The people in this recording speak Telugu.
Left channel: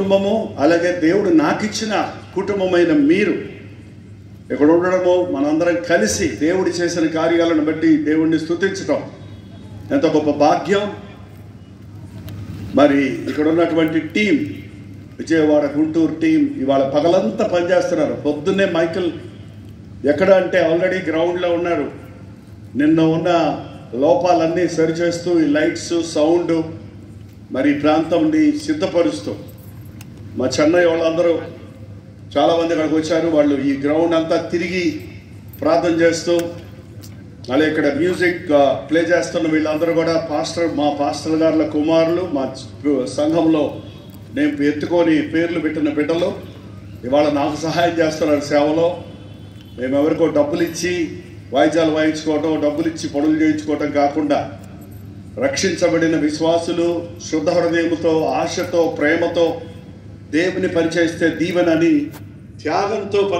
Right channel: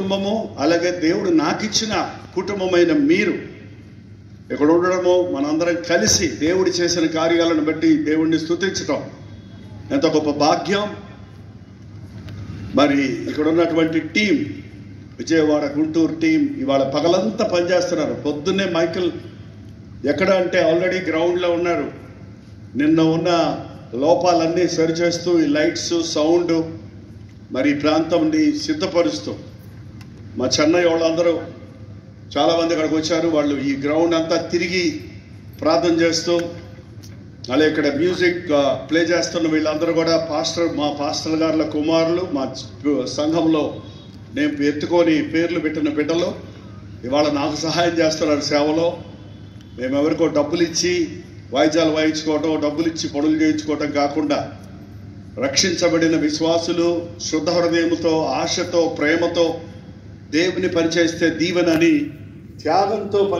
కుటుంబము అలాగే దేవుడు నాకు ఇచ్చిన కుటుంబమైన మీరు ఇక్కడ ఉండడము మనందరం కలిసి దేవుడి చేసిన కార్యాలను బట్టి దేవుడిని స్తుతించటం ఎంత గొప్ప భాగ్యం. మరి ఇక్కడ ఉన్నటువంటి టీం, విజయవాడ గుంటూరు టీం ఇవాళ పగలంతా పనిచేస్తున్నారు. పొద్దున్నే మైకిల్ ఎక్కడ అంటే ఆల్రెడీ గ్రౌండ్లో ఉన్నారు. నిన్న ఉన్న లోపాలన్నీ సరిచేస్తూ ఈ లైట్స్ సౌండ్ మరి ప్రాంతంని సిద్ధపరుస్తూ మా చెన్నై వాళ్ళందరూ చాలామంది అక్కడికి వచ్చారు. వాళ్ళు ఈ గ్రౌండ్ అంతా తిరిగి ప్రార్థన చేస్తూ అలాగే ఇక్కడ మ్యూజిక్ ప్లే చేస్తున్న వీళ్ళందరూ కూడా మా పాస్టర్ గారుల కుమారులు, మా సంఘంలో నేను ఎత్తుకొని పేర్లు పెట్టిన బిడ్డలు ఇవాళ నాకు సహాయం చేస్తున్నారు సేవలో. మేము ఎవరికో డబ్బులు ఇచ్చి వాయిద్యాలు వాయించుకోవటం, డబ్బులు ఇచ్చి పనులు చేయించుకోవటం కాకుండా రక్షించబడిన విశ్వాసులు శుద్ధ హృదయంతో, ఆశతో, ప్రేమతో దేవుని పరిచయిస్తే దీవెనని త్యాగంతో